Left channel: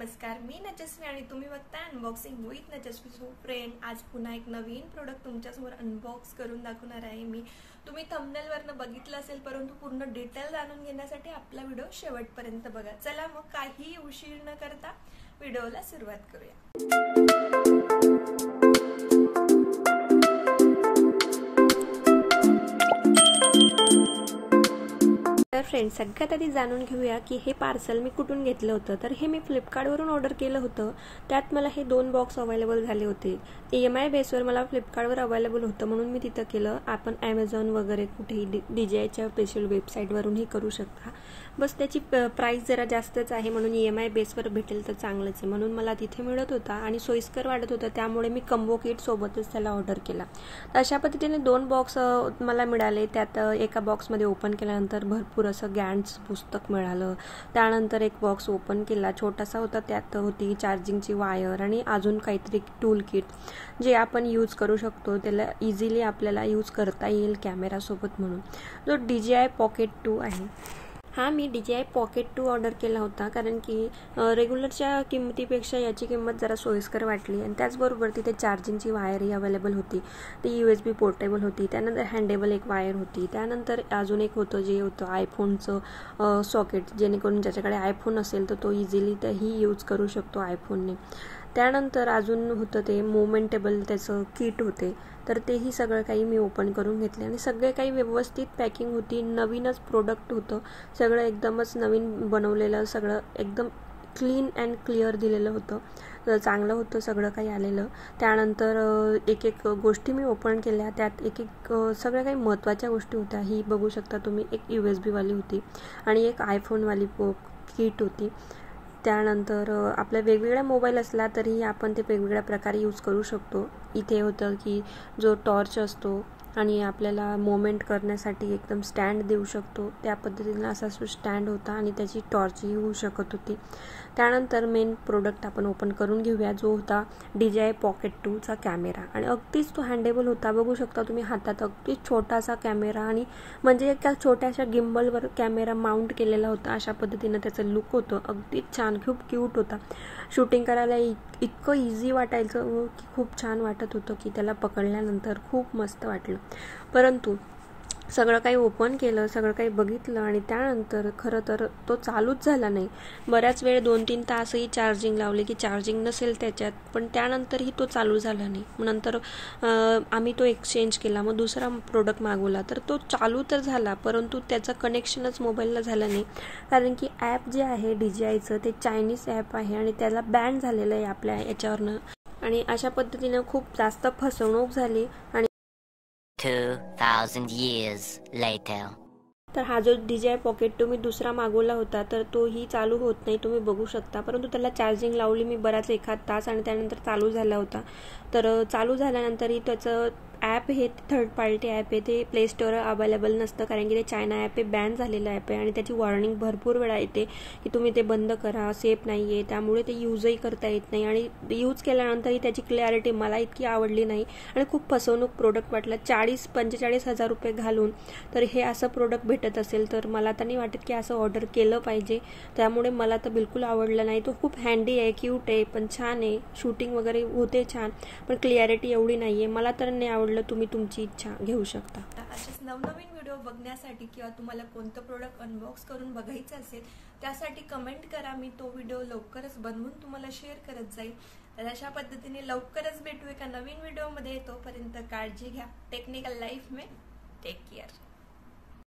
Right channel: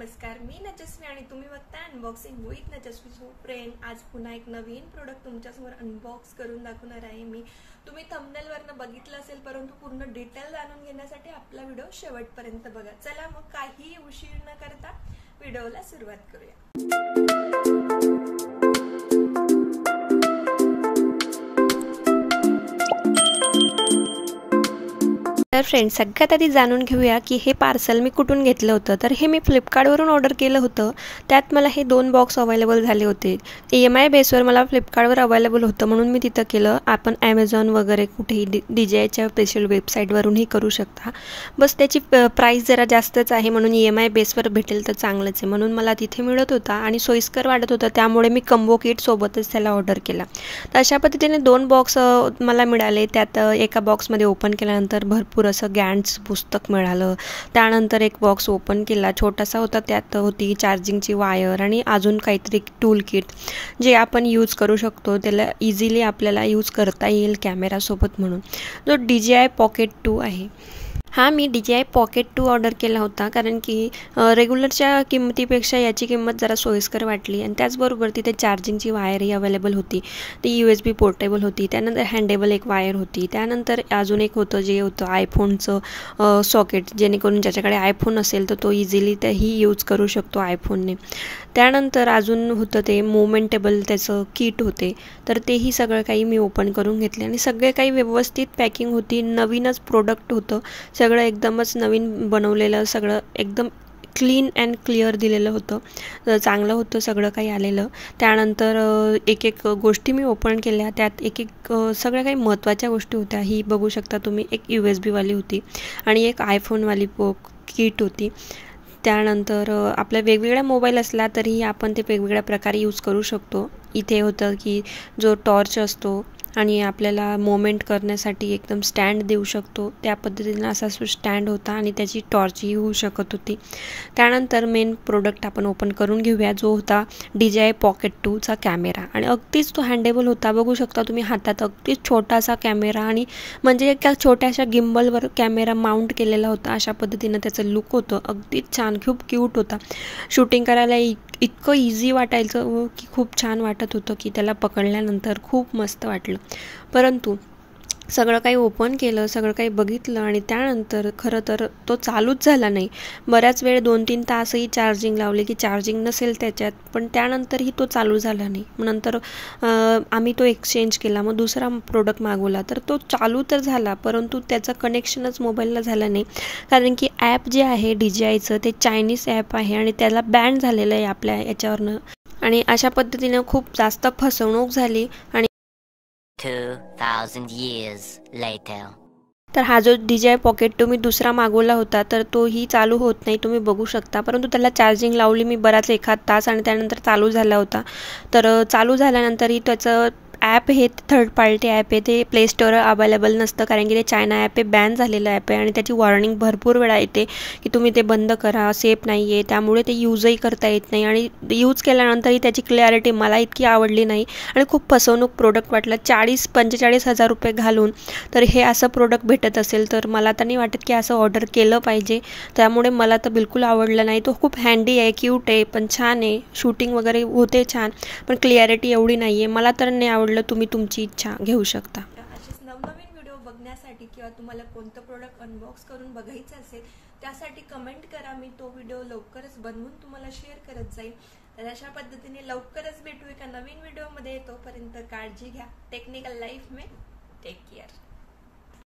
नमस्कार, मी नजस्वी आणि तुम्ही बघताय अनबॉक्सिंग विथ नजस्वी. सो फ्रेंड, आज पुन्हा एक नवीन प्रोडक्ट तुमच्यासमोर अनबॉक्स करून दाखवणार आहे मी. तुम्ही थंबनेलवरनं बघितलं असेल, परंतु पूर्ण डिटेल जाणून घेण्यासाठी आपला व्हिडिओ शेवटपर्यंत बघा. चला मग काही उशीर न करता व्हिडिओला सुरुवात करूया. तर फ्रेंड्स, सगळ्यात आधी जाणून घेऊया की हे पार्सल मी कुठून घेतलं होतं. तर हे मी फ्लिपकार्टवरून ऑर्डर केलं होतं. त्यात मला हे 2 बॉक्स अवेलेबल झाले होते. EMI बेसवर मला फ्लिपकार्टवर अवेलेबल होतं म्हणून मी तिथं केलं. आपण ॲमेझॉन वगैरे कुठेही DJIच्या स्पेशल वेबसाईटवरूनही करू शकता. बस त्याची प्राईस जरा जास्तच आहे म्हणून EMI बेसवर भेटेल तर चांगलंच आहे म्हणून मला तिथे मिळत होता आणि सोयीस्कर वाटत होतं. त्यामुळे मी कंबो किट सोबतच त्याला ऑर्डर केला. तर अशा पद्धतीने 2 बॉक्स मला मिळाले. त्यात एका बॉक्समध्ये ओपन केल्यानंतर भरपूर असं गॅन्टचं पुस्तक मिळालं. त्यानंतर एक बॉक्स ओपन केला, छोटासा होता. त्यात होती चार्जिंगची वायर आणि अजून काहीतरी टूल किट जे आपण यूज करू शकतो. त्याला इझिली आपल्याला यूज करता येईल कॅमेरासोबत म्हणून. जो DJI Pocket 2 आहे. मी DJI Pocket 2 ऑर्डर केला होता कारण की रेग्युलरच्या किंमतीपेक्षा याची किंमत जरा सोयीस्कर वाटली आणि त्याचबरोबर तिथे चार्जिंगची वायरही अवेलेबल होती. ती USB पोर्टेबल होती. त्यानंतर हँडेबल एक वायर होती. त्यानंतर अजून एक होतं जे होतं आयफोनचं सॉकेट, जेणेकरून ज्याच्याकडे आयफोन असेल तर तो इझिली तेही यूज करू शकतो आयफोनने. त्यानंतर अजून होतं ते मुवमेंटेबल त्याचं किट होते. तर तेही सगळं काही मी ओपन करून घेतले आणि सगळे काही व्यवस्थित पॅकिंग होती. नवीनच प्रोडक्ट होतं. सगळं एकदमच नवीन बनवलेलं, सगळं एकदम क्लीन अँड क्लिअर दिलेलं होतं. चांगलं होतं सगळं काही आलेलं. त्यानंतर एक एक गोष्टी मी ओपन केल्या. त्यात एक एक सगळ्या काही महत्त्वाच्या गोष्टी होत्या. ही बघू शकता तुम्ही. एक USB वाली होती आणि एक आयफोनवाली किट होती. त्यानंतर आपल्या वेगवेगळ्या मोबाईल असला तरीही आपण ते वेगवेगळ्या प्रकारे यूज करू शकतो. इथे होतं की जो टॉर्च असतो आणि आपल्याला मोमेंट करण्यासाठी एकदम स्टँड देऊ शकतो. त्या पद्धतीनं असा स्टँड होता आणि त्याची टॉर्चही होऊ शकत होती. त्यानंतर मेन प्रोडक्ट आपण ओपन करून घेऊया, जो होता DJI Pocket 2चा कॅमेरा. आणि अगदीच तो हँडेबल होता. बघू शकता तुम्ही हातात अगदीच छोटासा कॅमेरा आणि म्हणजे एका छोट्याशा गिम्बलवर कॅमेरा माउंट केलेला होता. अशा पद्धतीनं त्याचं लुक होतं. अगदीच छान, खूप क्यूट होता. शूटिंग करायला इतकं इझी वाटायचं की खूप छान वाटत होतं की त्याला पकडल्यानंतर खूप मस्त वाटलं. परंतु सगळं काही ओपन केलं, सगळं काही बघितलं आणि त्यानंतर खरं तर तो चालूच झाला नाही. बऱ्याच वेळ 2-3 तासही चार्जिंग लावले की चार्जिंग नसेल त्याच्यात, पण त्यानंतरही तो चालू झाला नाही. नंतर आम्ही तो एक्सचेंज केला. मग दुसरा प्रोडक्ट मागवला तर तो चालू तर झाला, परंतु त्याचं कनेक्शनच मोबाईलला झालं नाही. कारण की ॲप जे आहे DJIचं ते चायनीज ॲप आहे आणि त्याला बॅन झालेलं आहे आपल्या याच्यावरनं. आणि अशा पद्धतीनं खूप जास्त फसवणूक झाली. आणि 2000 years later. तर हा जो DJI Pocket 2 मी दुसरा मागवला होता तर तोही चालू होत नाही, तुम्ही बघू शकता. परंतु त्याला चार्जिंग लावली मी बराच 1 तास आणि त्यानंतर चालू झाला होता. तर चालू झाल्यानंतरही त्याचं ॲप हे थर्ड पार्टी ॲप आहे, ते प्ले स्टोअर अवेलेबल नसतं कारण की ते चायना ॲप हे बॅन झालेलं ॲप आहे आणि त्याची वॉर्निंग भरपूर वेळा येते की तुम्ही ते बंद करा, सेफ नाही आहे. त्यामुळे ते यूजही करता येत नाही आणि यूज केल्यानंतरही त्याची क्लॅरिटी मला इतकी आवडली नाही आणि खूप फसवणूक प्रोडक्ट वाटलं. 40-45 हजार रुपये घालून तर हे असं प्रोडक्ट भेटत असेल तर मला तर नाही वाटत की असं ऑर्डर केलं पाहिजे. त्यामुळे मला तर बिलकुल आवडलं नाही. तो खूप हँडी आहे, क्यूट आहे, पण छान आहे. शूटिंग वगैरे होते छान, पण क्लॅरिटी एवढी नाही आहे. मला तर नाही आवडलं. तुम्ही तुमची इच्छा घेऊ शकता. असेच नवनवीन व्हिडिओ बघण्यासाठी किंवा तुम्हाला कोणतं प्रोडक्ट अनबॉक्स करून बघायचं असेल त्यासाठी कमेंट करा. मी तो व्हिडिओ लवकरच बनवून तुम्हाला शेअर करत जाईल. तर अशा पद्धतीने लवकरच भेटू एका नवीन व्हिडिओमध्ये. तोपर्यंत काळजी घ्या. टेक्निकल लाईफ में टेक केअर.